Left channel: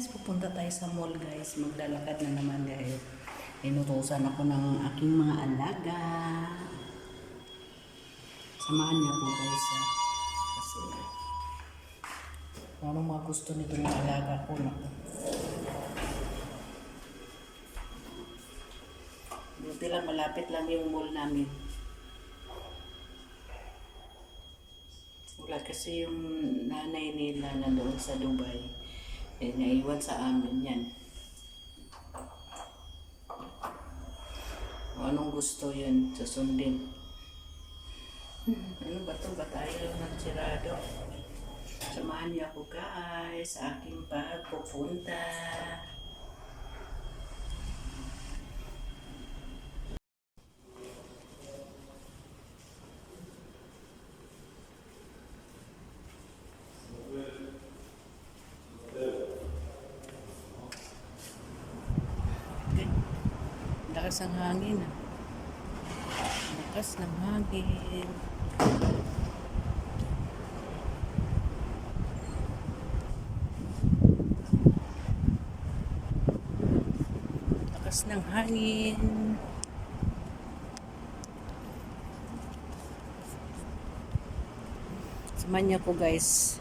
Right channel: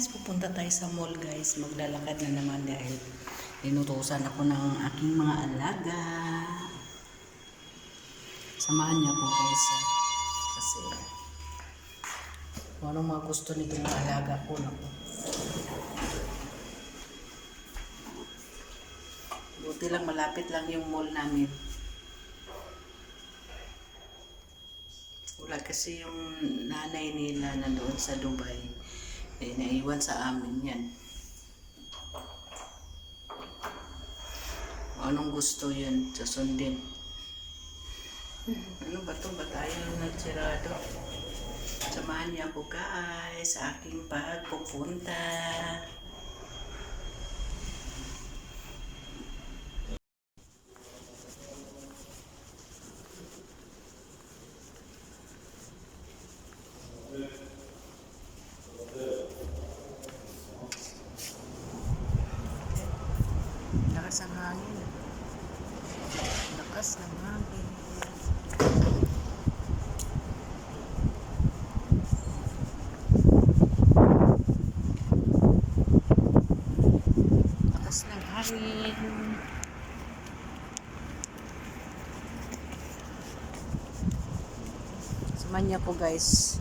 guys, pupunta tayo sa mall guys. Maglalakad na naman dahil inutusan ako ng aking mga alaga. Samahan niya po guys. ah. Kasi kung anong mga gusto nitong mga alaga ko na po. Buti lang malapit lang yung mall namin. Wala kasi yung nanay nila na doon sa Dubai. Eh, naiwan sa amin yan. Kung anong gusto yun, susundin. ano ba to? Ba tayo nagsirado? Samahan niyo ako guys sa aking pagpupunta. Lakas ng hangin. Lakas ng hangin. Lakas ng hangin. Samahan niyo po guys.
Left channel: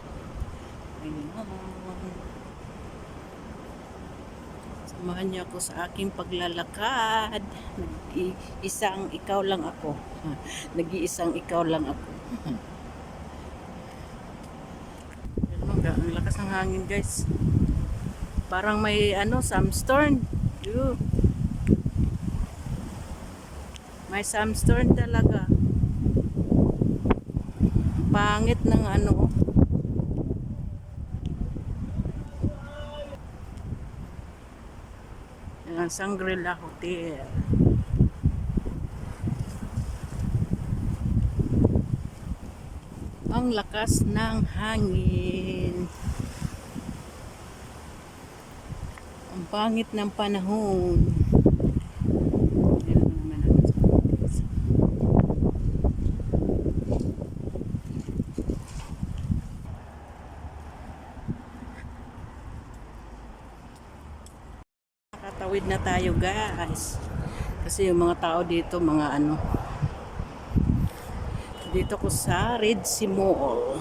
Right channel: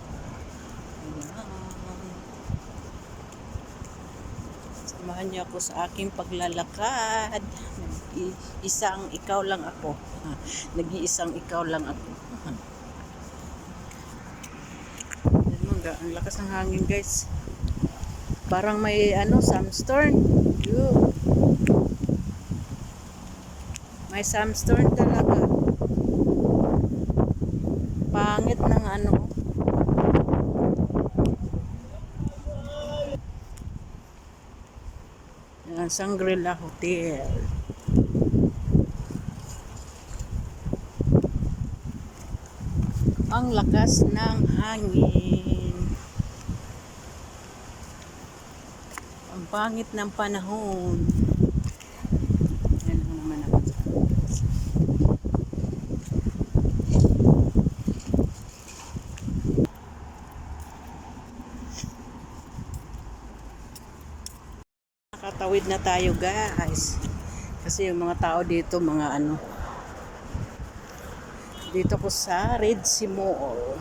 Ayan. Samahan niyo ako sa aking paglalakad. Nag-iisang ikaw lang ako. Nag-iisang ikaw lang ako. Yan mga, ang lakas ng hangin guys. Parang may ano, sandstorm. Ew. May sandstorm talaga. Pangit ng ano. Ang Sangrila Hotel. Ang lakas ng hangin. Ang pangit ng panahon. Yan lang naman ako sa Nakatawid na tayo guys. Kasi yung mga tao dito, mga ano. Dito ko sa Red Sea Mall.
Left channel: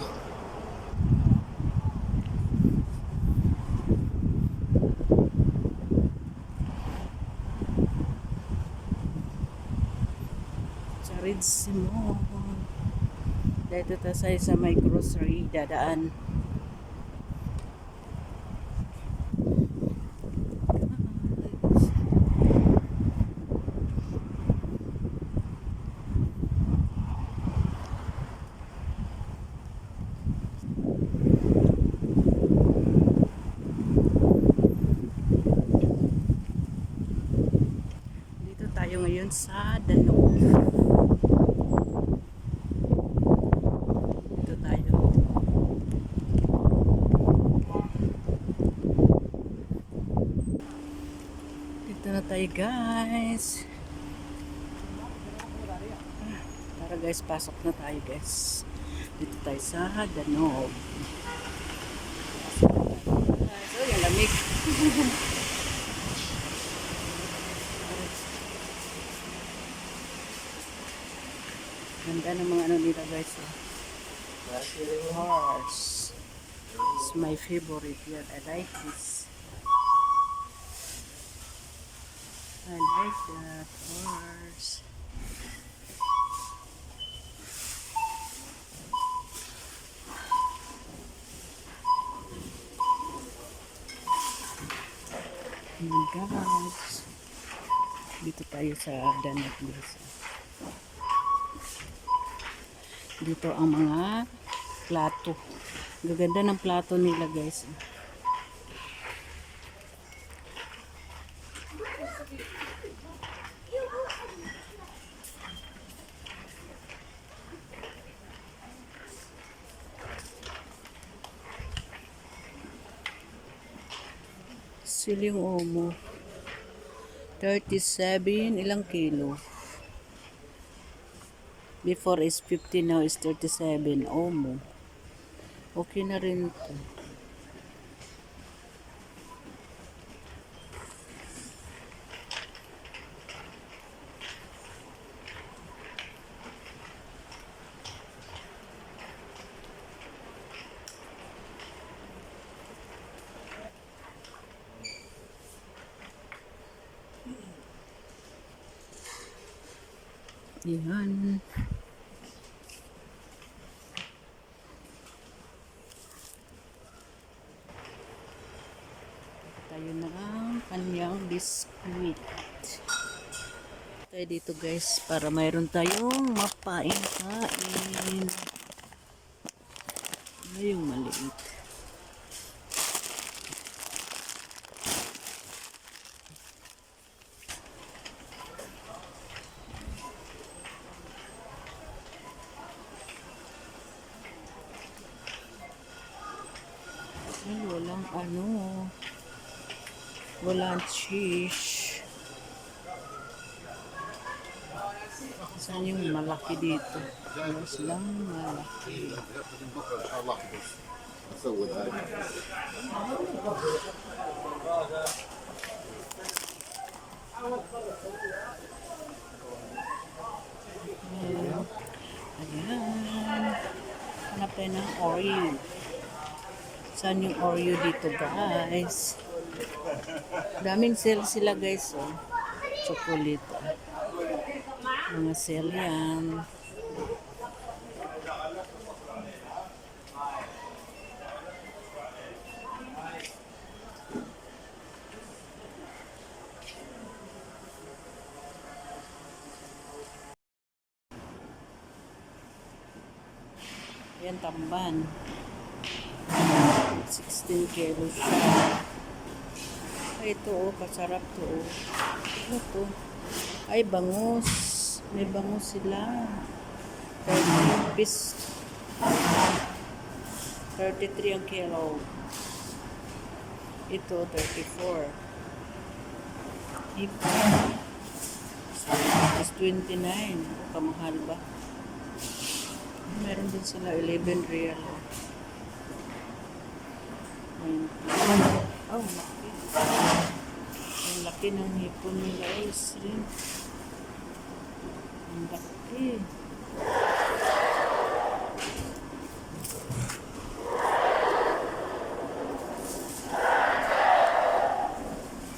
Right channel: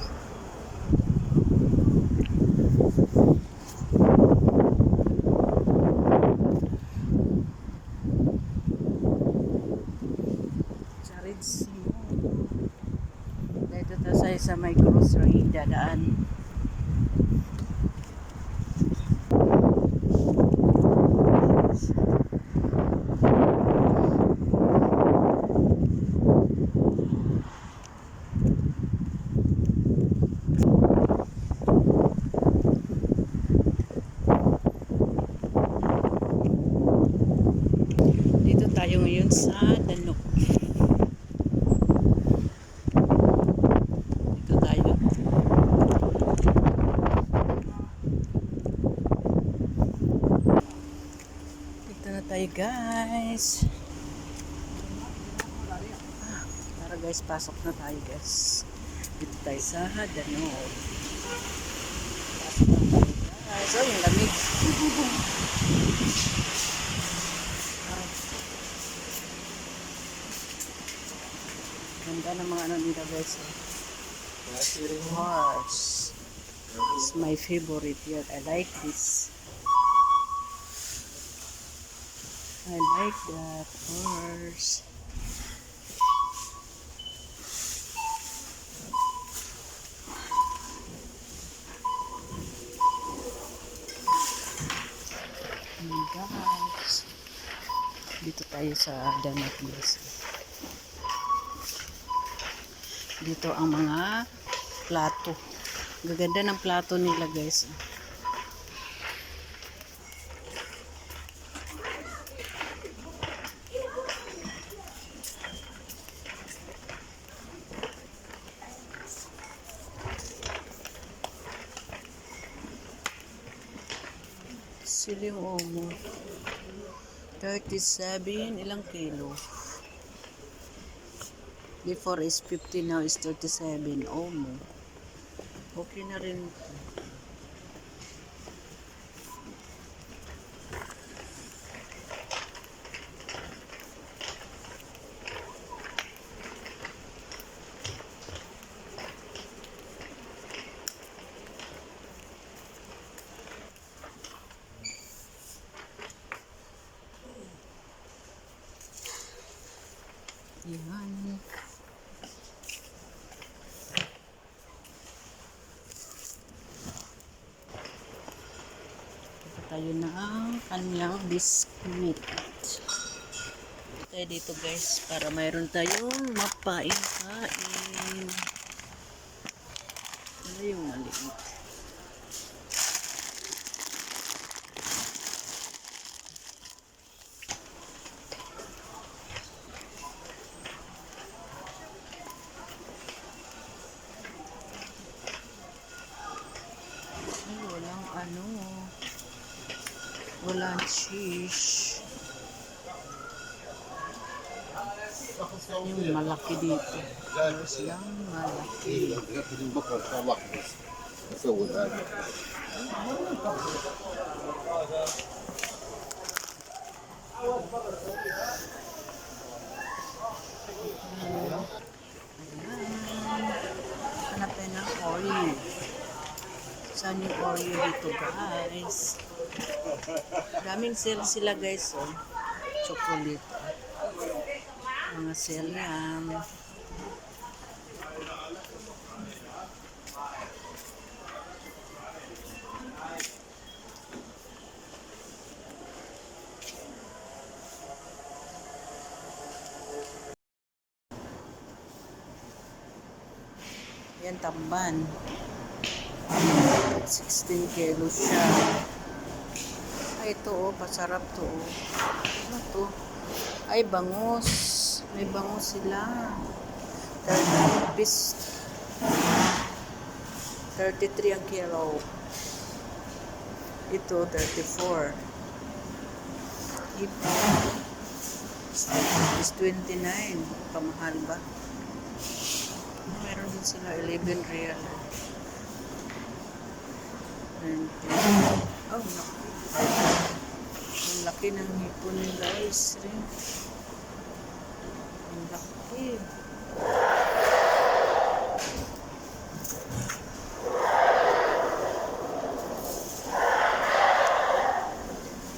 Sa Red Sea Mall. Dito tayo sa may grocery dadaan. Dito tayo ngayon sa Danube. Dito tayo. Dito na tayo guys. Ah, Tara guys, pasok na tayo guys. Dito tayo sa tayo guys. Oh, yung lamig. Ganda ng mga ano nila guys. Oh. Horse. It's my favorite yet. I like this. I like that horse. Oh my gosh. Dito tayo sa Danube guys. Dito ang mga plato. Gaganda ng plato nila guys. Siling omo. 37, ilang kilo? Before is 50, now is 37. Omo. Okay na rin ito. Yan. Ito tayo na ang kanyang biskuit. Tayo dito guys para mayroon tayong mapain-kain. Ano yung? walang cheese. Saan yung malaki dito? Mas lang malaki. So would I. Hanap tayo ng oil. Saan yung oil dito guys? Daming sale sila guys oh. Chocolate. Mga sale yan. Yan tamban. 16 kilos siya. Ito oh, pasarap to oh. Ano to? Ay, bangus. May bangus sila. 30 rupees. 33 ang kilo. Ito, 34. Ito, is 29. Kamahal ba? Meron din sila 11 real. oh. 20. Oh, naku. Laki ng hipon nila, guys. Rin. Ang laki.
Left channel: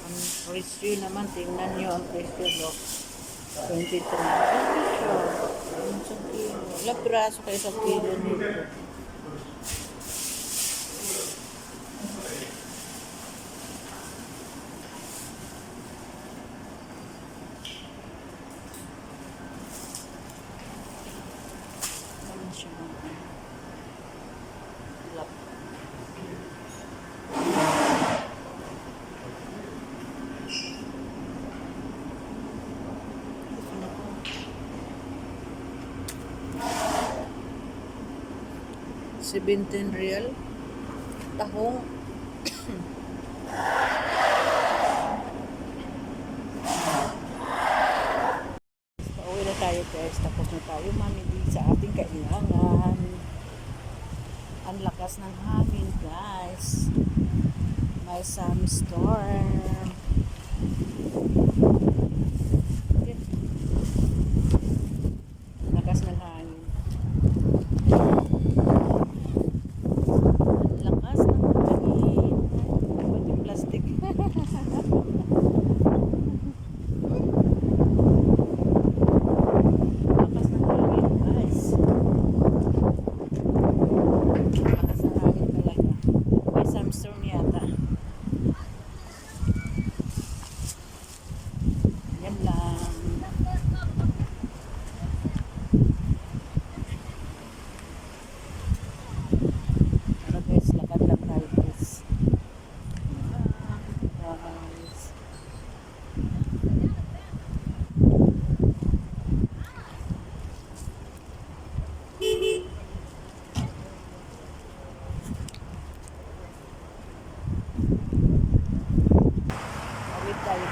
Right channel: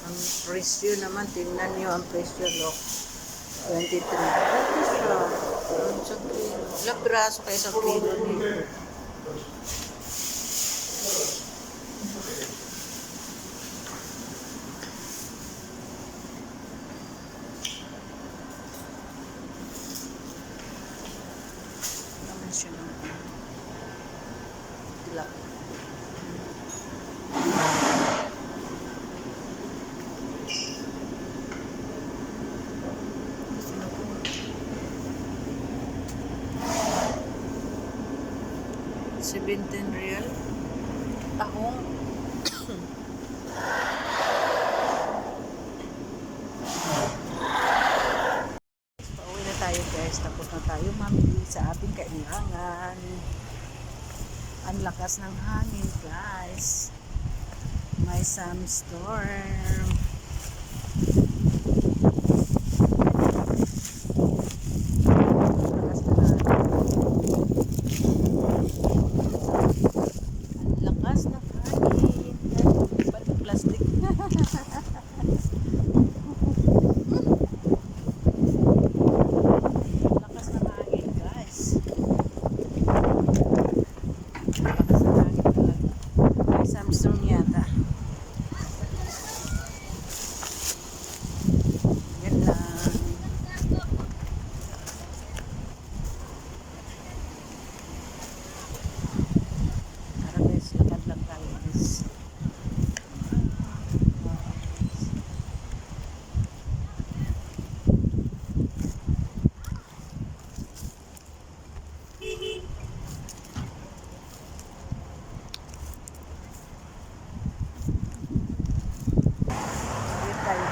Ang presyo naman, tingnan nyo ang presyo, look. 23. Ano siya? Ang kilo. Ilang piraso kayo sa kilo nito? Siya ng tilap. Gusto na. Seventeen real. Tahong. Pauwi na tayo guys. Tapos na tayo mamili sa ating kailangan. Ang lakas ng hangin guys. May some storm. Lakas ng hangin. Ang lakas ng hangin. Ba't yung plastic? Lakas ng hangin, guys. Lakas ng hangin talaga. May Samsung yata. Yan lang. Tara guys, lakad lang tayo guys. Guys. Tawid tayo guys. Takbo! Ay,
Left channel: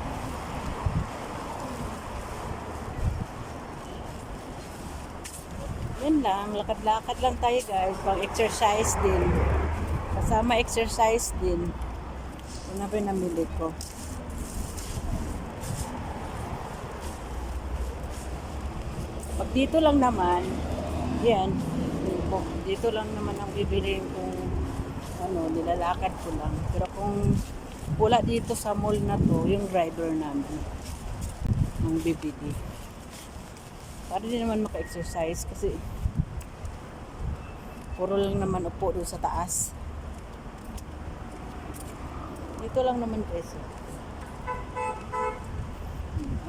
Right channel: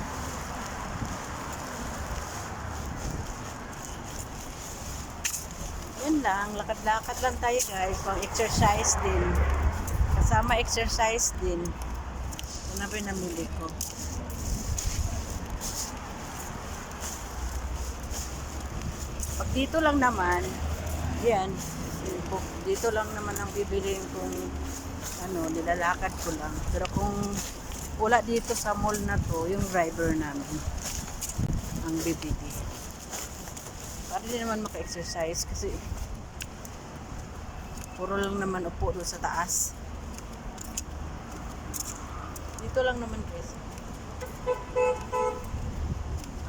Yan lang, lakad-lakad lang tayo guys, pang exercise din. Kasama exercise din. Ito na pa yung namili ko. Pag dito lang naman, yan, dito lang naman ang bibiliin kong ano, nilalakad ko lang. Pero kung wala dito sa mall na to, yung driver namin ang bibili. Para hindi naman maka-exercise kasi puro lang naman upo doon sa taas. Dito lang naman guys.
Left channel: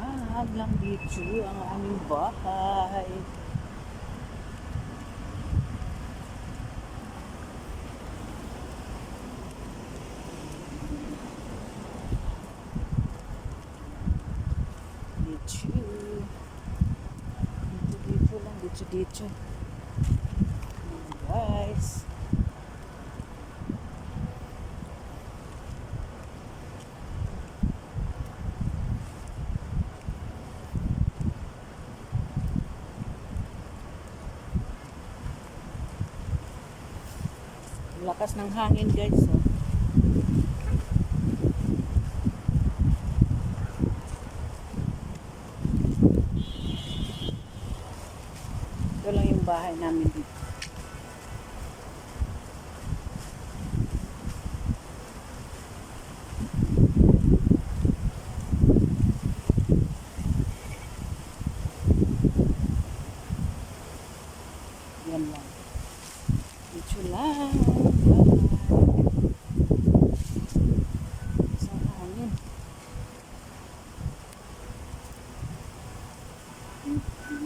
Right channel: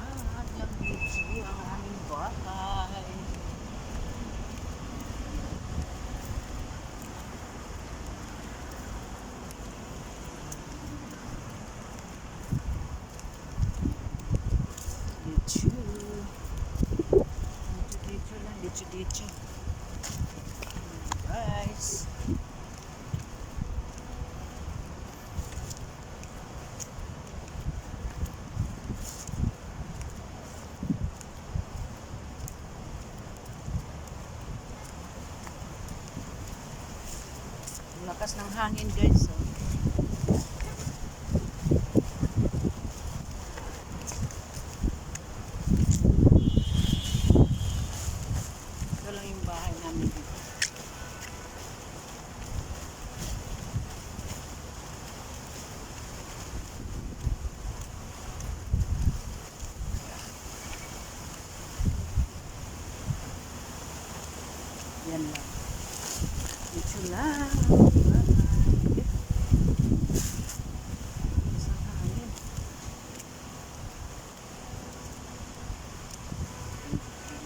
Ah, lang dito ang aming bahay. Dito, dito lang. Dito, dito. Guys. Lakas ng hangin guys. Oh. Bahay namin dito. Yan lang. Dito lang. Bye-bye. Sa hangin. Yan.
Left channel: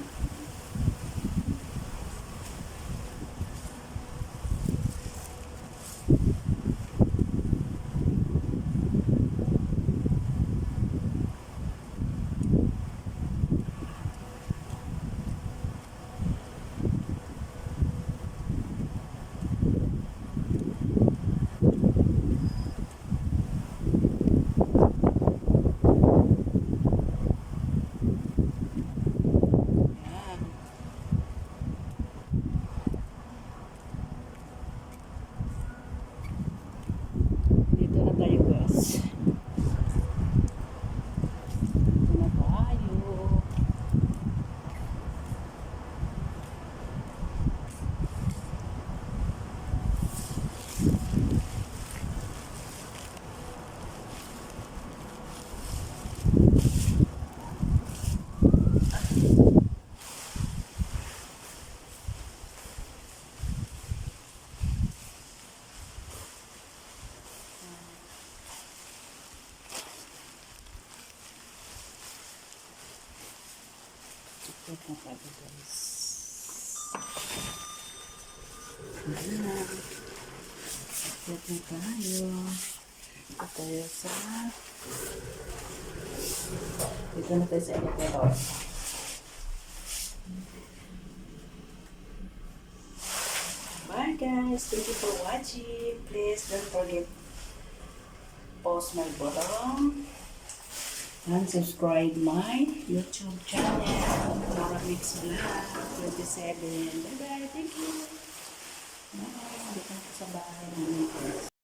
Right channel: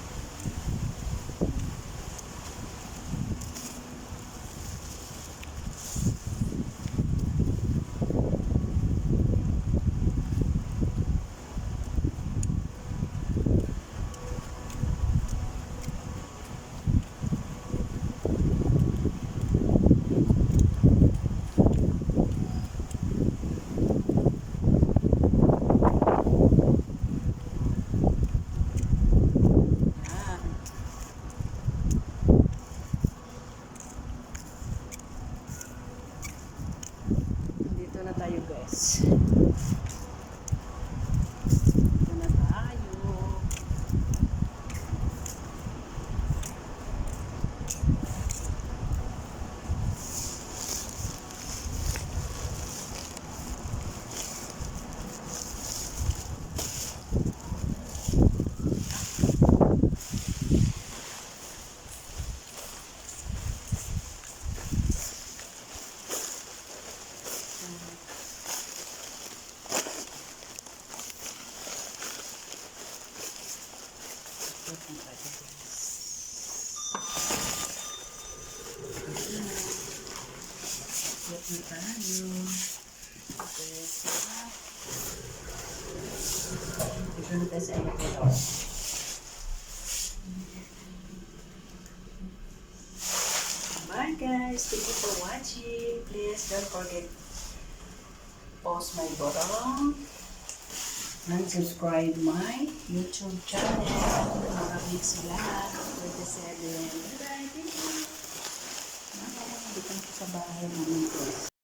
Dito na tayo guys. Dito na tayo. Dito na tayo guys. Dito na. Dito na tayo. Dito tayo sa... Dito na tayo sa elevator. Bye guys. Thank you for watching. Please don't forget post my bottom and subscribe my YouTube channel. Nora Mix Vlog 27. Bye bye. Thank you. Bye. Dito na po sa bahay namin guys.